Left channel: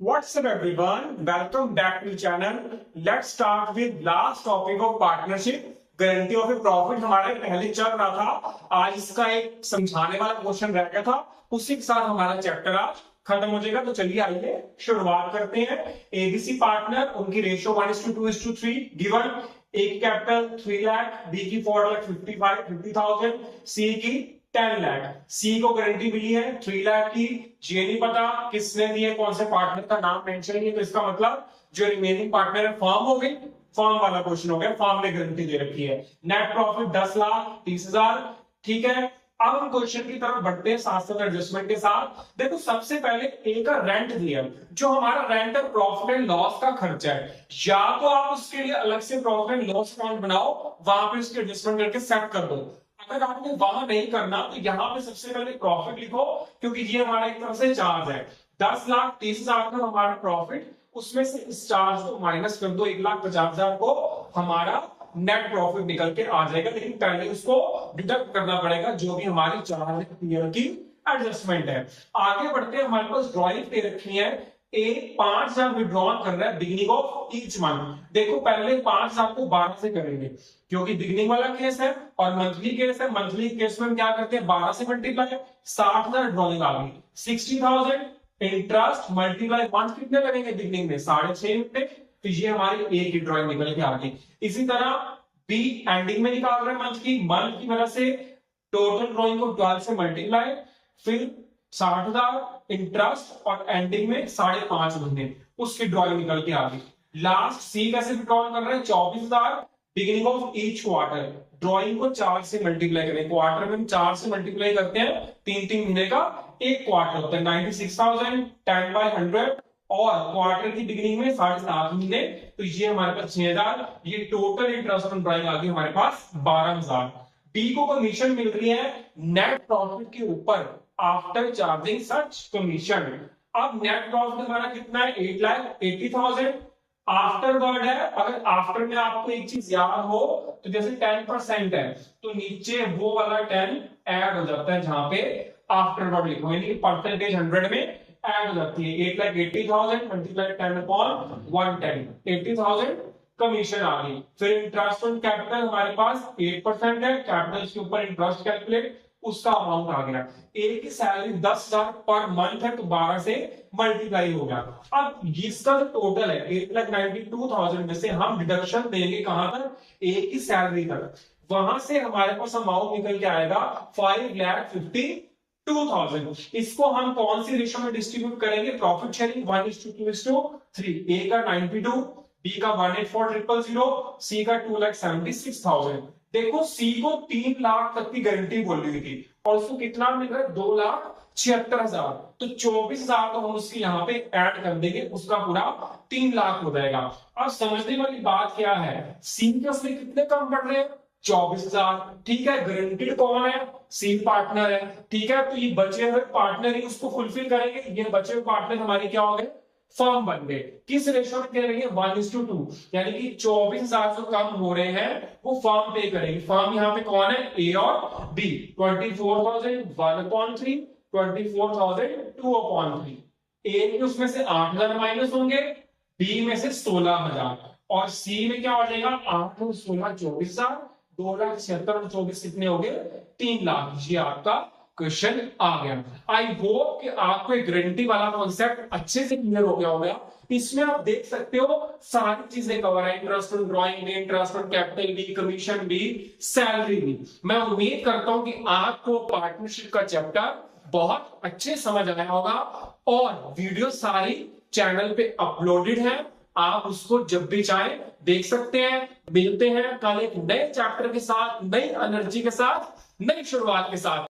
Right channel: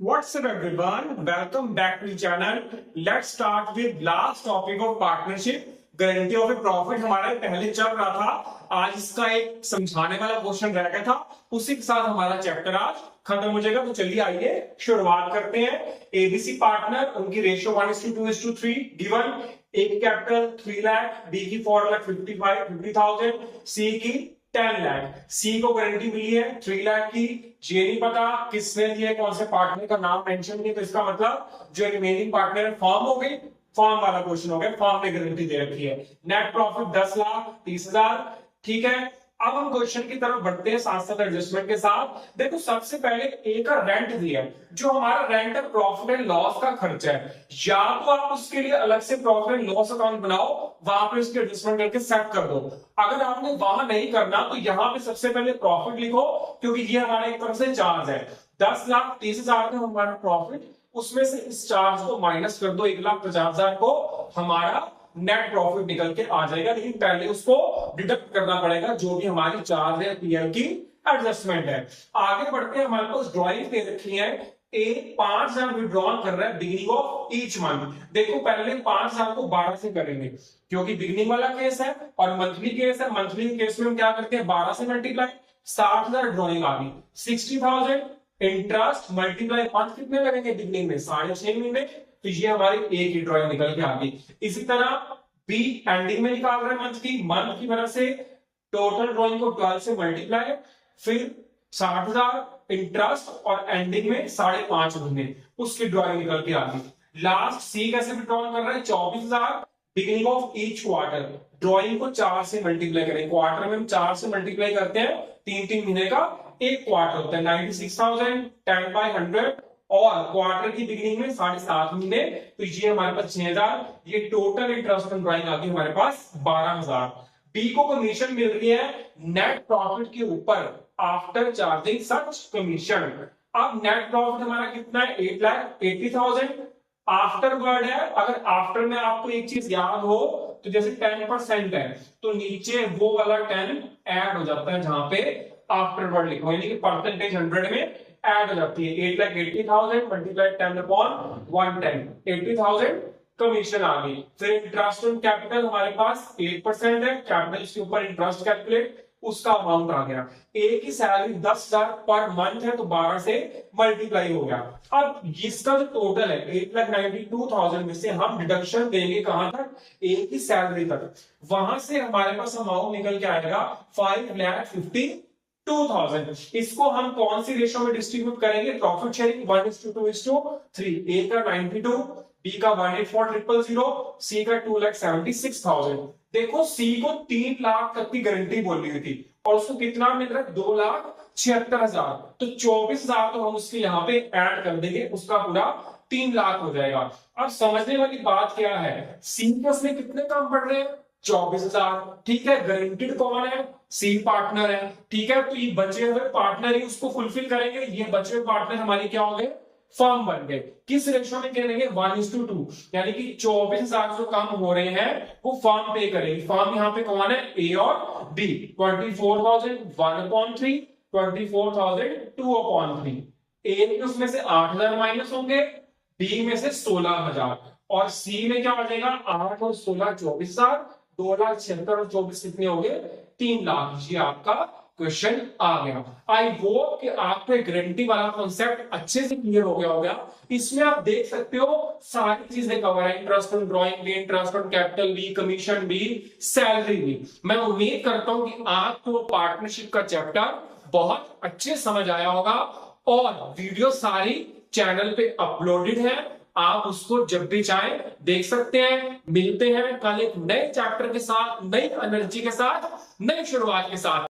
What's up everyone? Welcome back to the channel. Let's start with last topic of partnership. Guarantee of A profit हमारा पहले चल रहा था। आज इसका एक समझाने वाला क्वेश्चन रह गया था, उसी के साथ हमारा चैप्टर आज खत्म हो जाएगा। तो चलिए आइए शुरुआत करते हैं। एबीसी पार्टनर, उनकी रेशियो 1:2:3 गिवन। ए की कैपिटल 3 लाख, बी की 4 लाख 50,000, सी की 10 लाख। सी को गारंटी मिली है 3 लाख की। ये नहीं पता किसने दिए, कौन से पार्टनर का नाम मेंशन नहीं, तो इसका मतलब जो रिमेनिंग पार्टनर है फर्म हो गई। फर्म वाला क्वेश्चन हो गया, फर्म ने गारंटी दे रखी है। Net profit 10 lakh 30,000। ठीक है, अब हम क्वेश्चन की तरफ बढ़ते हैं साथ साथ एडजस्टमेंट के साथ। देखो सबसे पहले ए का रेंट दिया, जो हमारा रेंट है प्रॉफिट एंड लॉस का खर्चा है। या तो आप उसके लिए अलग से प्रॉफिट एंड लॉस अकाउंट बनाओ, वहां पे उसकी एडजस्टमेंट करके सेट कर दो। अगर आपने वहां नहीं करना तो यहाँ पे सबसे पहले प्रॉफिट लिखो, क्योंकि ये हमारा एक तरफ से चार्ज है। 10,30,000 का हमारा प्रॉफिट, उसमें से इस चार्ज को माइनस कर दो, 1,50,000 को हमारा नेट प्रॉफिट निकल के आ जाएगा। लेकिन पहले उसको डिडक्ट करना पड़ेगा जो भी हमारी चार्ज है, पीएल की एडजस्टमेंट है। आगे बढ़ते हैं, हमारे पास ड्राइंग दे रखी है। ए 5,000 विड्रॉन कर रहा है बिगिनिंग ऑफ ईच मंथ। देखो पहले 5,000 को 12 से करेंगे, क्योंकि बिगिनिंग वाला केस है और मंथली केस है। मंथली केस में हम क्या करते हैं, 12 से मल्टीप्लाई, 60,000 ड्रॉइंग आ गई। 60,000 इंटरेस्ट मल्टीप्लाई मंथ कितने लगेंगे बिगिनिंग में, 6.5 महीने। तो ये हमारी ए की ड्रॉइंग निकल के आ गई। इसी तरह बी एंडिंग में निकाल रहे हैं मंथ की वजह से टोटल ड्रॉइंग को 12 से मल्टीप्लाई, फिर 60,000 इंटरेस्ट और एंडिंग में 5.5 महीने, उसकी ड्रॉइंग निकल के आ गई। लास्ट सी कैसे विड्रॉल कर रहे हैं, 24,000 beginning of each quarter. Drawing को 4 से मल्टीप्लाई करें, क्वार्टर में हम 4 से मल्टीप्लाई करते हैं, 3 महीने का एक क्वार्टर होता है। 96,000 10/100 और क्वार्टर की बिगिनिंग में 7.5 महीने, तो ये हमारे पास 6,000। ये टोटल इंटरेस्ट ऑन ड्रॉइंग आ गई हमारे पास 12,000। बी को कमीशन मिल रही है नेट प्रॉफिट के ऊपर आफ्टर चार्जिंग सच कमीशन। अब नेट प्रॉफिट हमारा कितना है, 8,80,000। आफ्टर वर्ड है, अगर आफ्टर में आपको एक चीज याद हो तो जैसे 10% है तो नीचे वो वाला 10 ऐड हो जाता है, जहां पे आफ्टर वर्ड लिखो, यानी कि परसेंटेज 100 में ऐड हो जाती है। 8,80,000 मल्टीप्लाई 10/110, 80,000 कमीशन आ गई। फिर इंटरेस्ट ऑन कैपिटल हमारे पास 8% है, कैपिटल के ऊपर इंटरेस्ट कैलकुलेट, उसका अमाउंट आ गया। ए की सैलरी 10,000 पर मंथ है, तो 12 से मल्टीप्लाई हो गया। अब इसका जो टोटल है 8,92,000 में से हम डिडक्शन देंगे कहां तक, ए की सैलरी तक। वहां से हमारे पास अमाउंट निकल के आएगा 5,52,000। इसको हम कौन सी रेशो में डिस्ट्रीब्यूट करेंगे, प्रॉफिट शेयरिंग 1:2:3। ए का 92, बी का 184,000, सी का 2,76,000। देखो सी को 3 लाख तक की गारंटी बोल रही थी और उसको कितना मिल रहा है, 2,76,000। तो 24,000 तो हम उसकी यहाँ पे ऐड कर देंगे, उसका पूरा 3 लाख हो जाएगा। अब समझने वाली बात क्या है, सी के उसमें कितने कम पड़ रहे हैं, 24,000। ठीक है, गारंटीड कौन है, सी पार्टनर है। ठीक है, तो ये बचे हुए पार्टनर ही उसको फुलफिल करेंगे। ये बचे हुए पार्टनर हमारे क्या हो गए, फर्म बन गए। किस रेशो में करेंगे, 1:2, यानी कि 24,000 जो कम हो रहे हैं वो फर्म पे करेगी। फर्म यहाँ पे कौन है, ए और बी। 24,000 1/3, 24,000 2/3। ए में उसमें से 8,000 माइनस होंगे, बी में से 16,000 और सी में क्या हो जाएगा, 8 और 16 24,000, 2,76,000 और 24 कितने हो गए, 3 लाख। ये आपका क्वेश्चन आ गया। आई होप कि आपको एक गारंटी वाला कॉन्सेप्ट अच्छे से क्लियर हो गया होगा। इसमें आप देख सकते हो सारी चीजें कवर है, इंटरेस्ट ऑन ड्रॉइंग भी, इंटरेस्ट ऑन कैपिटल भी, कमीशन भी, सैलरी भी। मैं उम्मीद करता हूं कि आपको पार्टनरशिप का चैप्टर बहुत अच्छे समझ आया होगा और वीडियो सारी चैनल पे अपलोडेड है, आप उसको जब भी चाहें देख सकते हैं। मिलते हैं कल एक नए चैप्टर के साथ, नई एनर्जी के साथ, नई शुरुआत के साथ।